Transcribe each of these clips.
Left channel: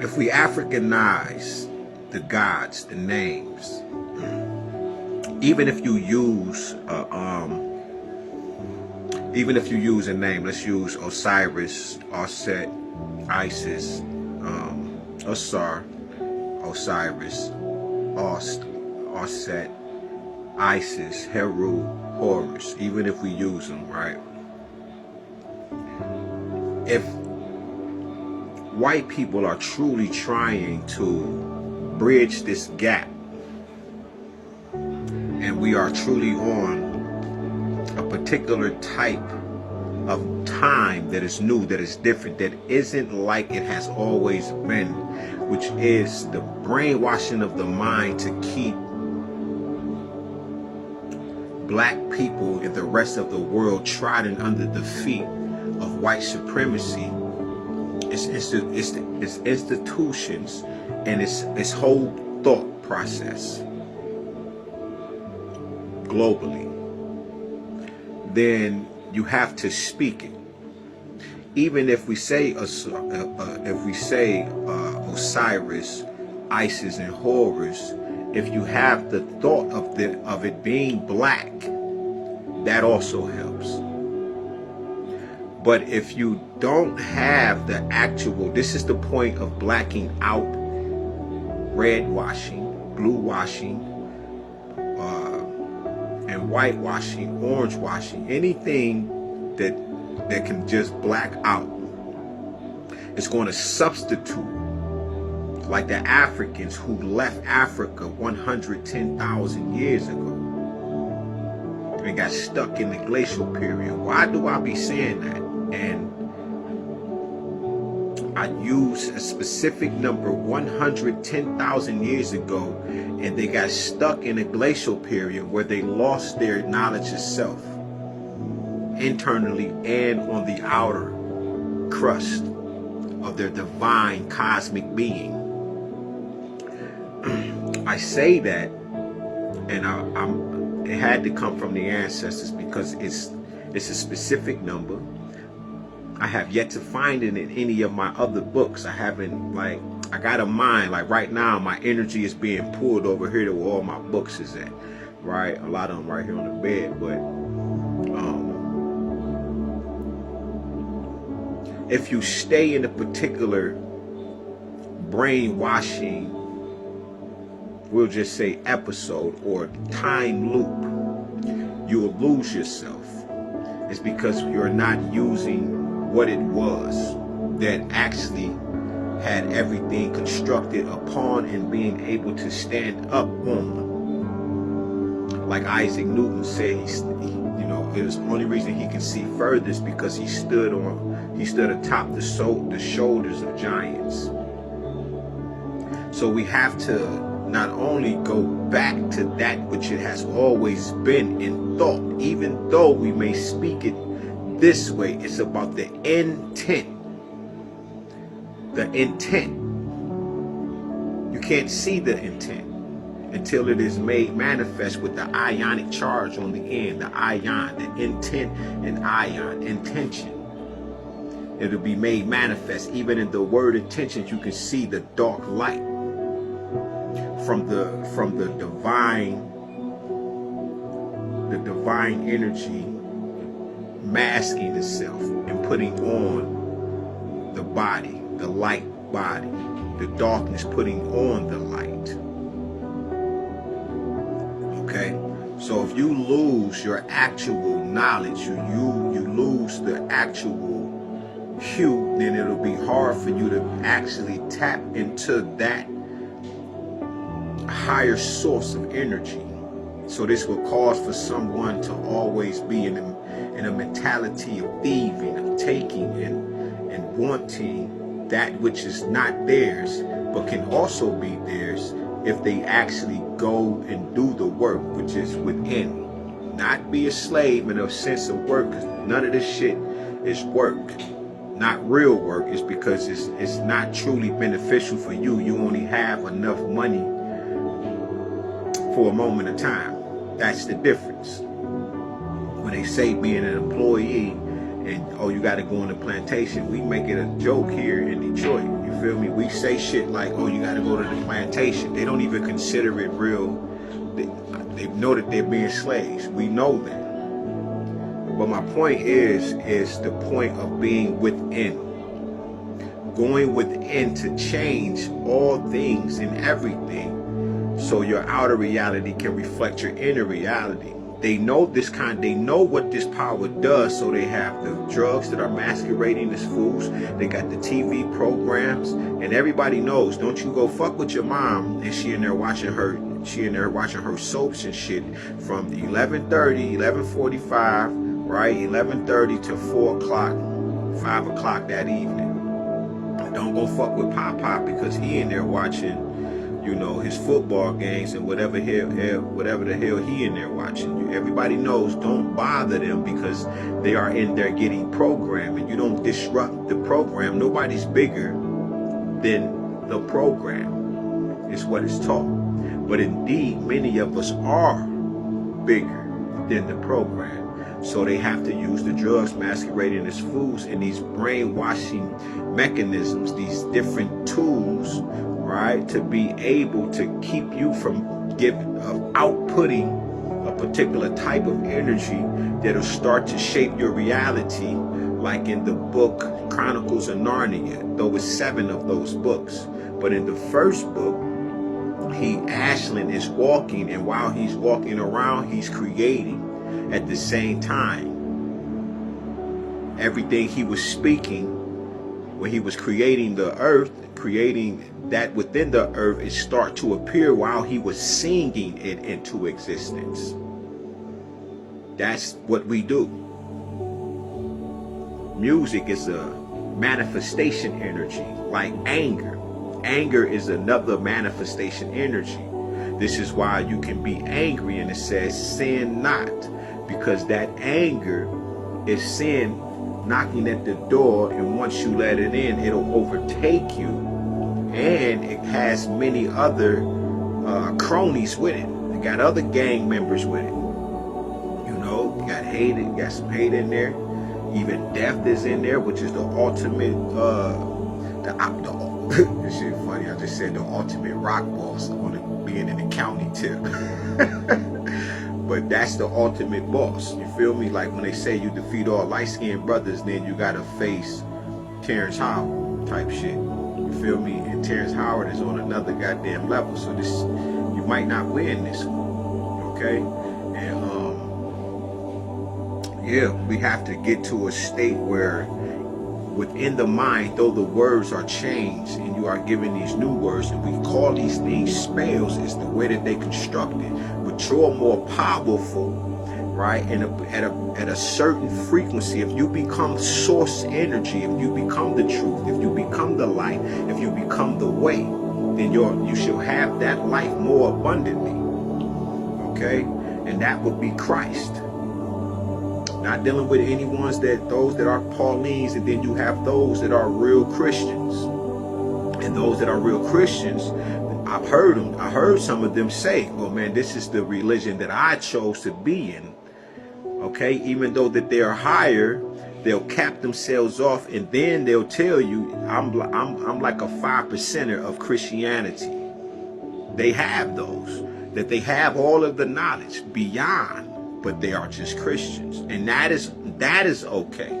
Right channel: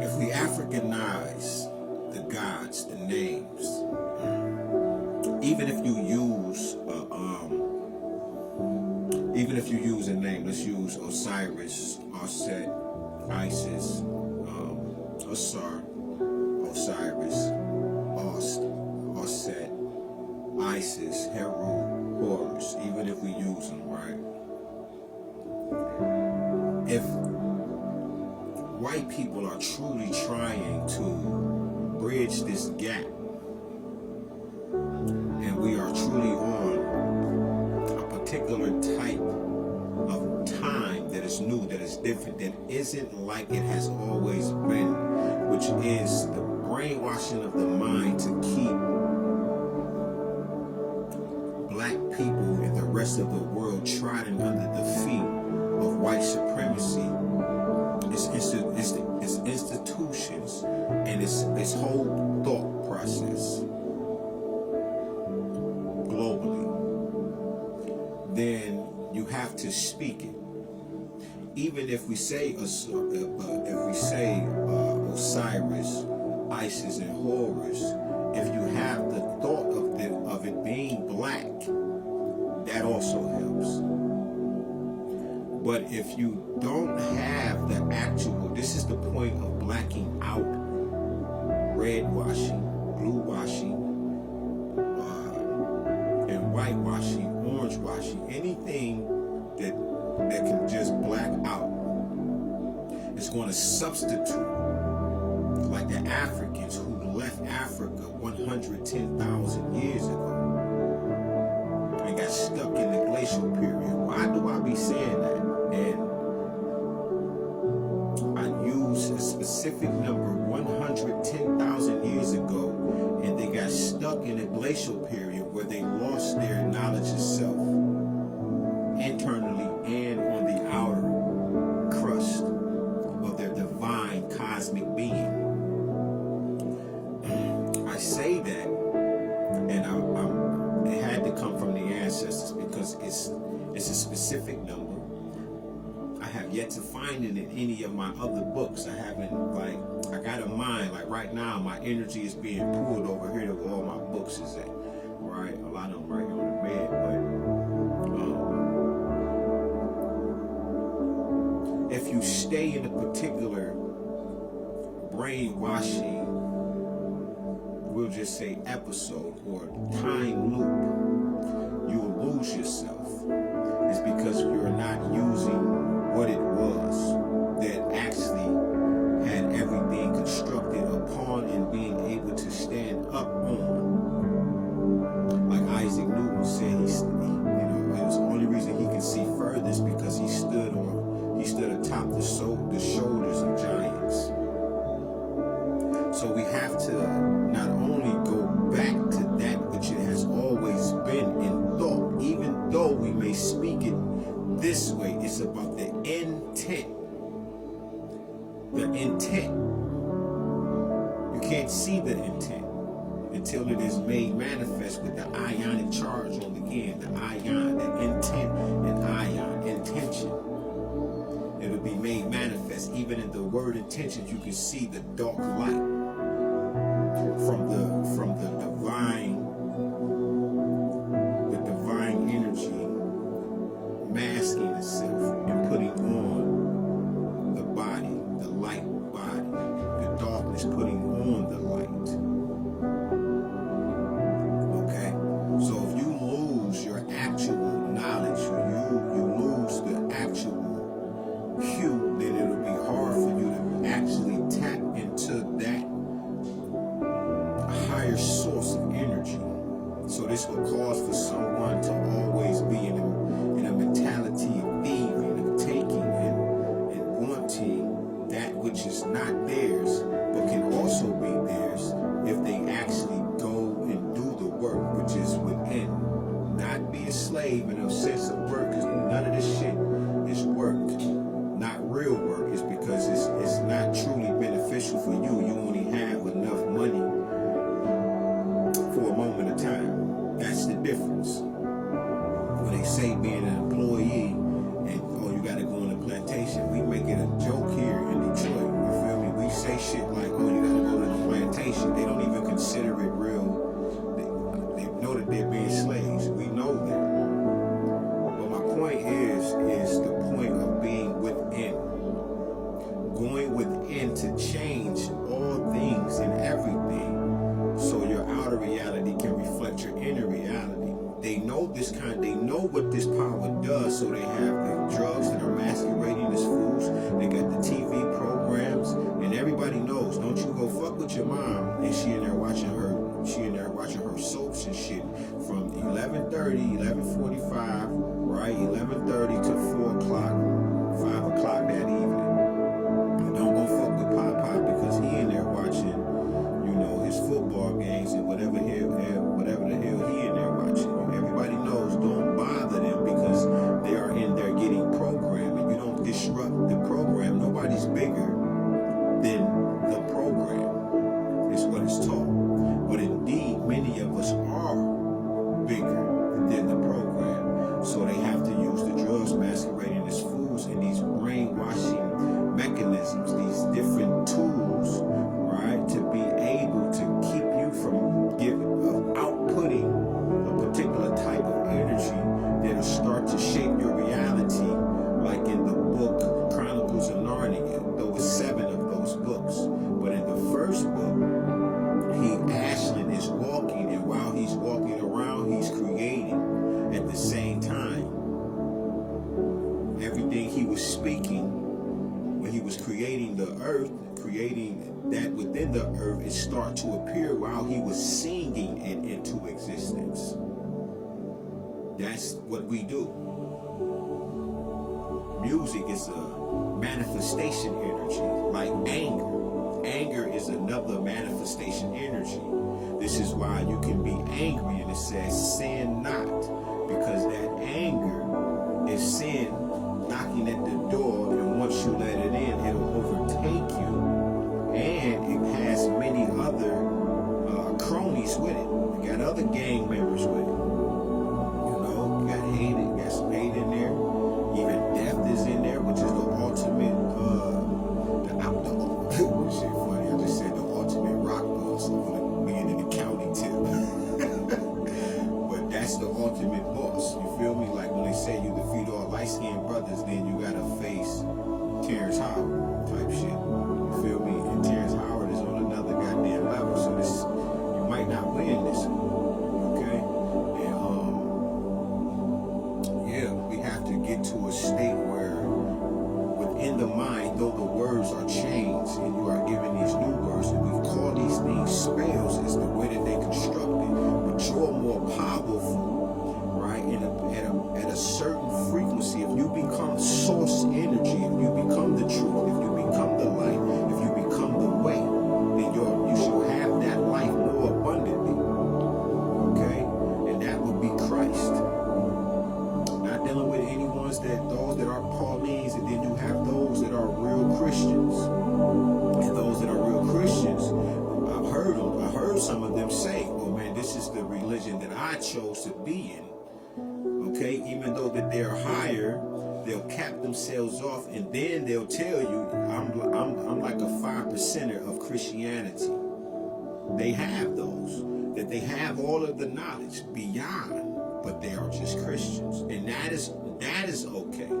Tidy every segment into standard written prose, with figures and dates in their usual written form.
if we Africanize the gods, the names, even if you use a name, let's use Osiris, Osset, Isis, Osar, Osiris, Ost, Osset, Isis, Heru, Horus, even if we use them, right? If white people are truly trying to bridge this gap, and we are truly on a particular type of time that is new, that is different, that isn't like it has always been, which is the brainwashing of the mind to keep black people and the rest of the world trodden under the feet of white supremacy. It's institutions and its whole thought process globally. Then you have to speak it. Even if we say Osiris, Isis, and Horus, if you have the thought of it being black, that also helps. But if you don't have the actual, this is the point of blacking out, red washing, blue washing, and whitewashing, orange washing, anything that can just black out. It's going to substitute, like the Africans who left Africa 110,000 years ago and got stuck in the glacial period. Why do I be saying that? And I use a specific number, 110,000 years ago, and they got stuck in a glacial period where they lost their knowledge of self, internally and on the outer crust of their divine cosmic being. I say that, and it had to come from the ancestors because it's a specific number. I have yet to find it in any of my other books. I haven't, like, I got a mind, like right now my energy is being pulled over here to where all my books is at, right? A lot of them right here on the bed, but if you stay in a particular brainwashing, we'll just say episode or time loop, you will lose yourself. It's because you're not using what it was that actually had everything constructed upon and being able to stand up on. Like Isaac Newton said, it was the only reason he could see furthest because he stood atop the shoulders of giants. So we have to not only go back to that which it has always been in thought, even though we may speak it this way, it's about the intent. The intent. You can't see the intent until it is made manifest with the ionic charge on the end, the ion, the intent and ion, intention. It'll be made manifest. Even in the word intentions, you can see the dark light from the divine energy masking itself and putting on the body, the light body, the darkness putting on the light. Okay, so if you lose your actual knowledge, you lose the actual hue, then it'll be hard for you to actually tap into that higher source of energy. So this will cause for someone to always be in a mentality of thieving, of taking and wanting that which is not theirs, but can also be theirs if they actually go and do the work, which is within. Not be a slave in a sense of work, because none of this shit is work. Not real work. Is because it's not truly beneficial for you. You only have enough money for a moment of time. That's the difference. When they say being an employee And oh, you got to go on the plantation. We make it a joke here in Detroit. You feel me? We say shit like, oh, you got to go to the plantation. They don't even consider it real. They know that they're being slaves. We know that. But my point is the point of being within. Going within to change all things and everything, so your outer reality can reflect your inner reality. They know they know what this power does, so they have the drugs that are masquerading as fools. They got the TV programs, and everybody knows, don't you go fuck with your mom, and she in there watching her soaps and shit from 11:30, 11:45, right, 11:30 to 4 o'clock, 5 o'clock that evening. Don't go fuck with Pop because he in there watching, you know, his football games and whatever the hell he in there watching. Everybody knows, don't bother them because they are in there getting programmed, and you don't disrupt the program. Nobody's bigger than the program, is what is taught. But indeed, many of us are bigger than the program. So they have to use the drugs masquerading as foods and these brainwashing mechanisms, these different tools, right, to be able to keep you from outputting a particular type of energy that'll start to shape your reality, like in the book Chronicles of Narnia, though it's 7 of those books. But in the first book, Ashlyn is walking, and while he's walking around, he's creating at the same time. Everything he was speaking when he was creating the earth, creating that within the earth, it start to appear while he was singing it into existence. That's what we do. Music is a manifestation energy, like anger. Anger is another manifestation energy. This is why you can be angry and it says sin not, because that anger is sin knocking at the door, and once you let it in, it'll overtake you, and it has many other cronies with it. It got other gang members with it. You know, got some hate in there. Even death is in there, which is the ultimate this shit funny. I just said the ultimate rock boss on it being in the county tip. But that's the ultimate boss. You feel me? Like when they say you defeat all light-skinned brothers, then you gotta face Terrence Howard type shit. You feel me? And Terrence Howard is on another goddamn level. So this, you might not win this one. Okay? And yeah, we have to get to a state where within the mind, though the words are changed and you are given these new words, and we call these things spells, is the way that they constructed. But you're more powerful, right? And at a certain frequency, if you become source energy, if you become the truth, if you become the light, if you become the way, then you shall have that life more abundantly. Okay? And that would be Christ. Not dealing with those that are Paulines, and then you have those that are real Christians. And those that are real Christians, I heard some of them say, oh man, this is the religion that I chose to be in. Okay, even though that they're higher, they'll cap themselves off, and then they'll tell you, I'm like a 5%er of Christianity. They have those, that they have all of the knowledge beyond, but they are just Christians, and that is okay.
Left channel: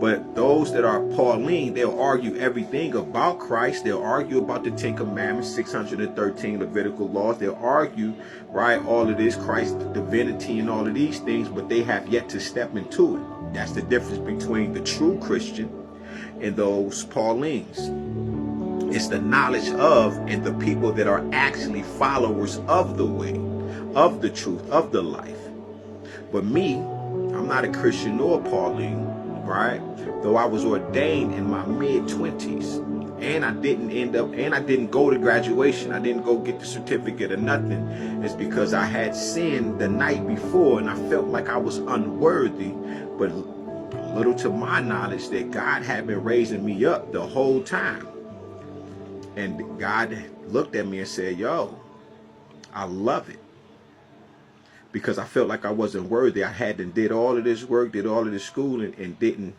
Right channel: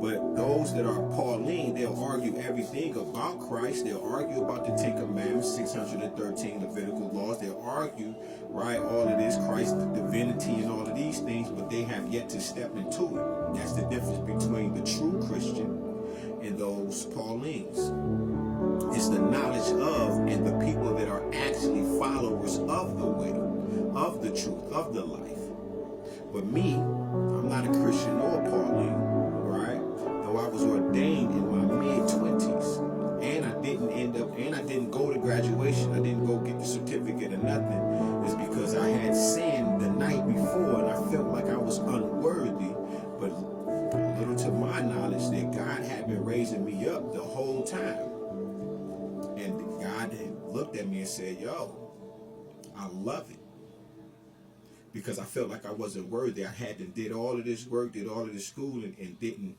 But those that are Pauline, they'll argue everything about Christ. They'll argue about the 10 Commandments, 613 Levitical laws. They'll argue, right, all of this, Christ's divinity and all of these things, but they have yet to step into it. That's the difference between the true Christian and those Paulines. It's the knowledge of, and the people that are actually followers of the way, of the truth, of the life. But me, I'm not a Christian nor a Pauline, right? Though I was ordained in my mid-20s, and I didn't go to graduation. I didn't go get the certificate or nothing. It's because I had sinned the night before, and I felt like I was unworthy. But little to my knowledge, that God had been raising me up the whole time. And God looked at me and said, yo, I love it. Because I felt like I wasn't worthy. I did all of this work, did all of this schooling, and didn't